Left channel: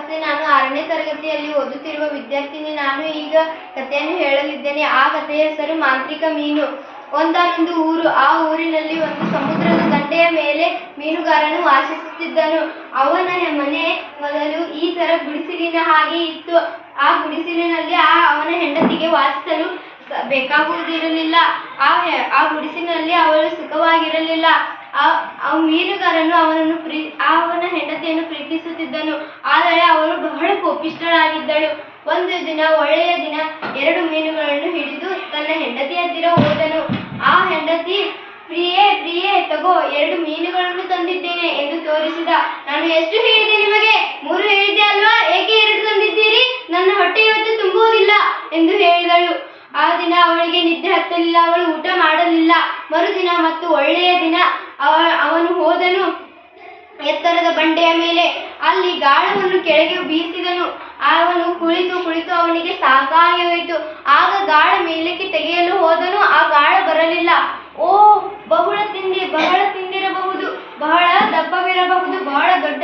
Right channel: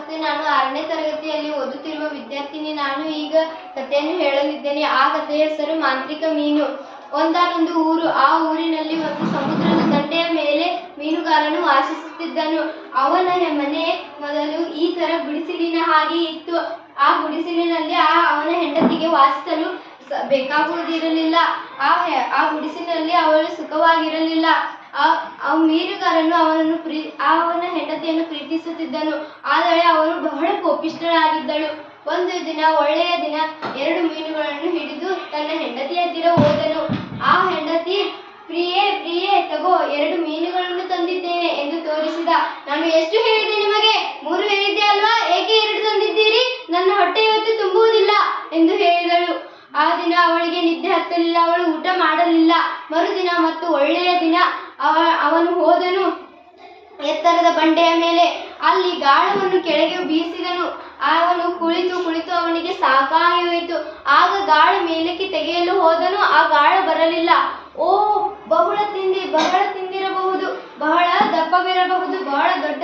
ನಮಸ್ತೆ ನಾನು ಆರನೇ ತರಗತಿಯಲ್ಲಿ ಓದುತ್ತಿರುವ ವಿದ್ಯಾರ್ಥಿನಿ ನಾನು ಈಗ ಕಥೆಯನ್ನು ಹೇಳಲಿದ್ದೇನೆ. ಆ ಕಥೆಯ ಹೆಸರು ಮಾಂತ್ರಿಕ ಮೀನು. ಒಂದಾನೊಂದು ಊರು. ಆ ಊರಿನಲ್ಲಿ ಒಂದು ಸಮುದ್ರದ ದಂಡೆಯ ಮೇಲೆ ಮೀನುಗಾರನು ವಾಸಿಸುತ್ತಿದ್ದನು. ಅವನ ಮನೆ ಮೊದಲು ಈ ತರ ಗುಡಿಸಿಲಿನ ಹಾಗೆ ಇತ್ತು. ಆ ಗುಡಿಸಿಲಿನಲ್ಲಿ ಆ ಅವನ ಹೆಂಡತಿಗೆ ವಾಸಿಸಲು ಬೇಕಾಗುವುದಿರಲಿಲ್ಲ. ಆ ಆ ಗುಡಿಸಿನಲ್ಲಿ ಅವಳು ಸುಖವಾಗಿರಲಿಲ್ಲ. ಆ ಮೀನುಗಾರನು ಅವನನ್ನು ಪ್ರೀ, ಅವನ ಹೆಂಡತಿಯನ್ನು ಪ್ರೀತಿಸುತ್ತಿದ್ದನು. ಆದರೆ ಅವಳು ಬಹಳ ಕೋಪಿಷ್ಠಳಾಗಿದ್ದಳು. ಒಂದು ದಿನ, ಒಳ್ಳೆಯ ದಿನ, ಎರಡು ಮೀನುಗಳನ್ನು ಹಿಡಿದು ತನ್ನ ಹೆಂಡತಿ ಹತ್ತಿರ ಹೋದನು. ಆ ಹೆಂಡತಿ, ಪ್ರಿಯೇ ಪ್ರಿಯೇ, ತಗೋ, ಎರಡು ಮೀನುಗಳನ್ನು ತಂದಿದ್ದೇನೆ ಎಂದು ತೋರಿಸಿದ. ನಾನು ಎಷ್ಟು ಹೇಳಿದೆ ಆ ದಿನ ಅವಳಿಗೆ ನಿದ್ದೆ ಹತ್ತಲಿಲ್ಲ, ಅವಳು ಊಟ ಮಾಡಲಿಲ್ಲ. ಮರುದಿನ ಮತ್ತು ಒಳ್ಳೆಯ ದಿನ ಅವ, ಅವನು ಹೋದನು ಎತ್ತರದ ಬಂಡೆಯ ಮೇಲೆ. ಅಲ್ಲಿ ಗಾಳವನ್ನು ಕೆಳಗೆ ಬೀಸಿದನು. ಅವನು ಕುಳಿತು ಕುಳಿತು ಅವನಿಗೆ ಸಾಕಾಗಿ ಆಗ ಗಾಳ ಮೇಲಕ್ಕೆ ತೆಗೆಯಲು ಹೋದನು, ಆ ಗಾಳ ಬರಲಿಲ್ಲ. ಓ, ಬಹಳ ತಿಂದಿ, ಬಹಳ ತಿಂದಿರಬಹುದು, ಬಹಳ ದಪ್ಪವಿರಬಹುದು, ಬಹಳ ದೊಡ್ಡ